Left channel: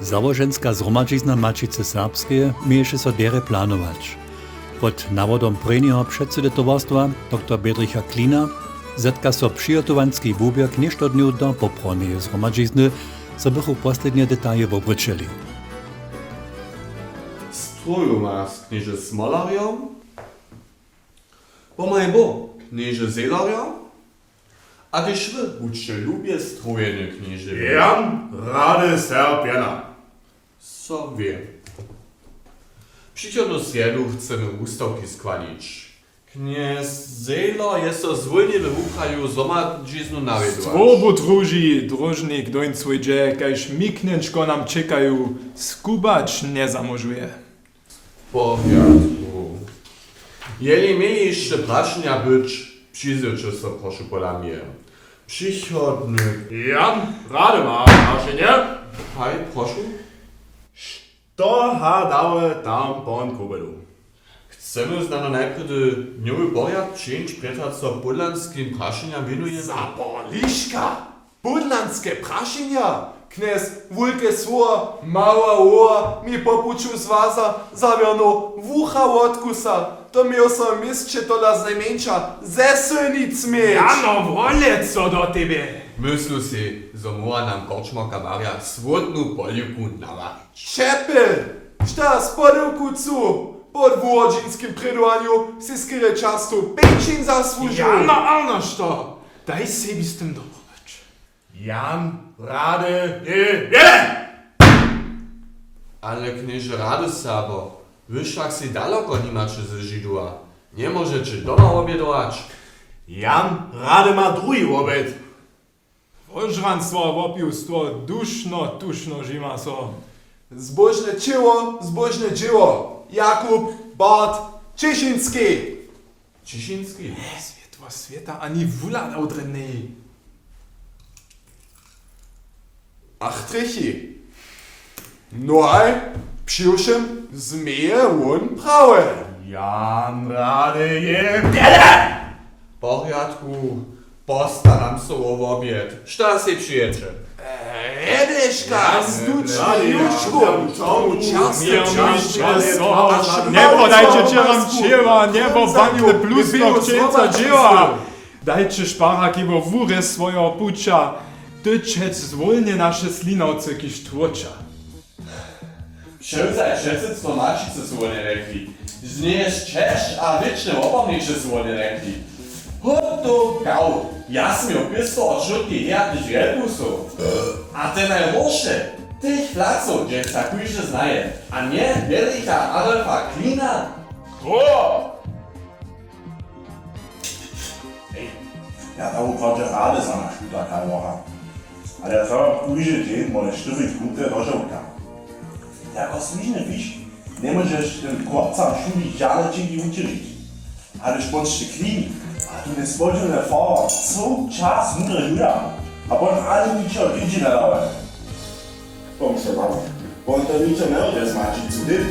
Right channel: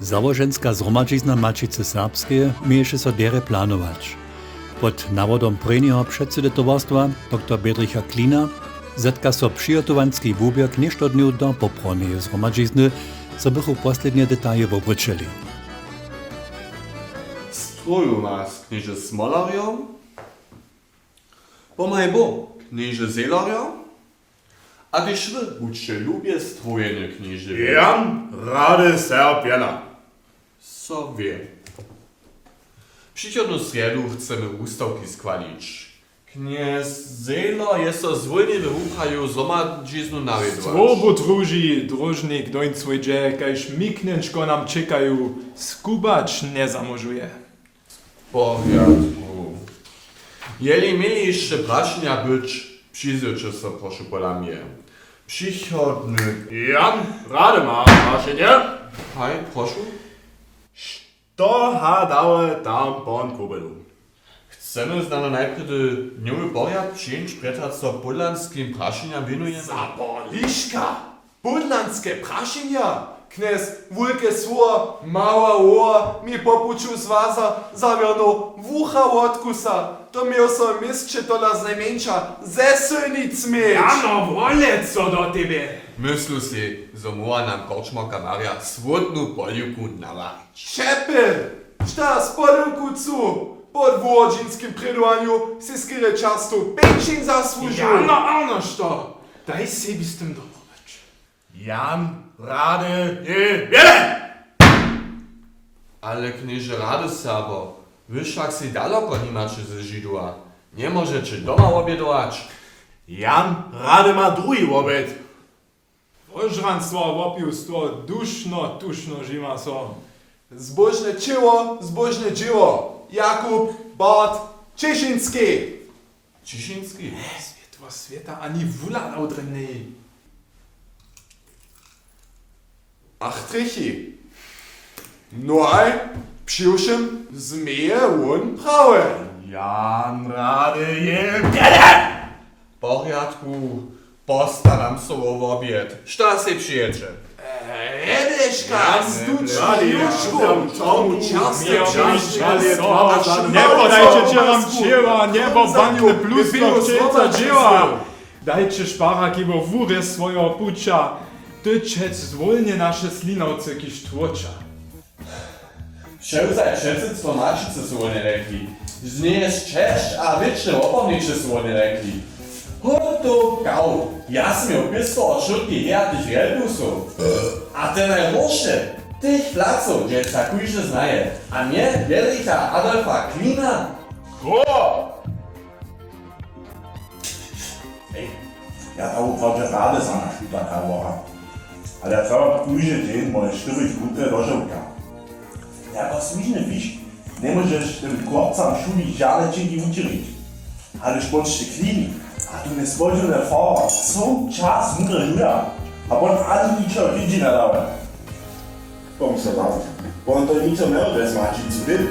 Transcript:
Załoženska zhromadźizna Mačice Serbskeje mieješe so dere planować. Pod nawodom prejneho předsedy towarstwa dr. Bedricha Klina zetka so přijotowanski wuběr něšto dňu do poproneje zhromadźizny, so bychu poslednie detalje wobryčeli. Stroju nas knieże Smolarią, pomaj bo knieże Zelarią, a tyś wy budźcie lubię strojenie knieży. Jan Rady Serbiana. So wie. Przychodną sredu chcemy ustawki skłanić. Kniez Zela jest to zwolnie wyruchaju zhromadźiznu nawiedować. Strobu druži, družnik doń swójdzie, kajż miknęczko nam czekają, skubacz nie zamożuje. W porządku. Jeli mieli jeszcze prasznia być, przyjdziecie so proszę pola mnie. Przychodny. Jan Rady ma, macie nie? Haj, proszę. To ha dałe tam pon kubelu. Chcemy znano najpierw nowy poriad przyjąć przed co podlanskim praszeniam winuje. Zaborliszka! Budlanskie praszynia! Knes wulke słowa, mała łoa, mi popuczu z waza, zawiono wucha odkusa. To miał so mistrze to dla znajmniejsza ze synic mieć. Jano, wolę co do ciebie. Myślę si, że moja nam korczmarka Maria swodną poliuku nawarić. Czepel! Šta z podełku cu? Pod włodzińskim prydłaniu si skryje często pęczin zasłużył. Jana Arno, što? Daj sebi z tym dobrać. Jan Rady je! Ale knieże Rady Sabo, wyszlak si daleko nie macie ze Żydła. Nie możecie doma obiedować. Jan Rady ma drugi obiad. Ożranstwo opiustwo duszno, tuszno żyma so. Zbożne dzieło. Jakub Bart Cieszyński. Cieszyński. Światła świata ani wula naudrynny. Ach, Trichi. Noi, przyjuszym zmieje on prawe. Jan Rady je! W porządku. Postaram się o obiad. Šta si przyjedzie? Rebeszka, zduczny juszku, tomu ciasne czaszny, Nie podajcie cię wam dzieła, niebo bankne plusko wcielca dzieła. Dajcie szparaki bo wóry swoją pucza, tyczec zwolnie nasze slinowce kiż tłocza. Przełzaj przedsedztwo Mačice su oni rekli. Zniejesz Češ a wieczne opomnicze su oni rekli. Hoto gau, ja sam je opisao od šutki jadniš vjelbusu. A te najloše, tih flacov, že takujže znaje, a nie Bedricha Adolfa Klina. Ja tam uprawię radę za nasz taka wora. Ale ja trzeba pójdzie dzień, może 4 gute nożewka. Jako słyszny wisz, nie możesz tym chłopcom szuli żale dzięki uczynić. Ale szpączcie klini, a tu nie spojrzone fara, cały czas mądre żuja. A potem ani niczego widzi nadałem. Pomyślę wam, bo on to niczego nie odezmaczyć, co ty?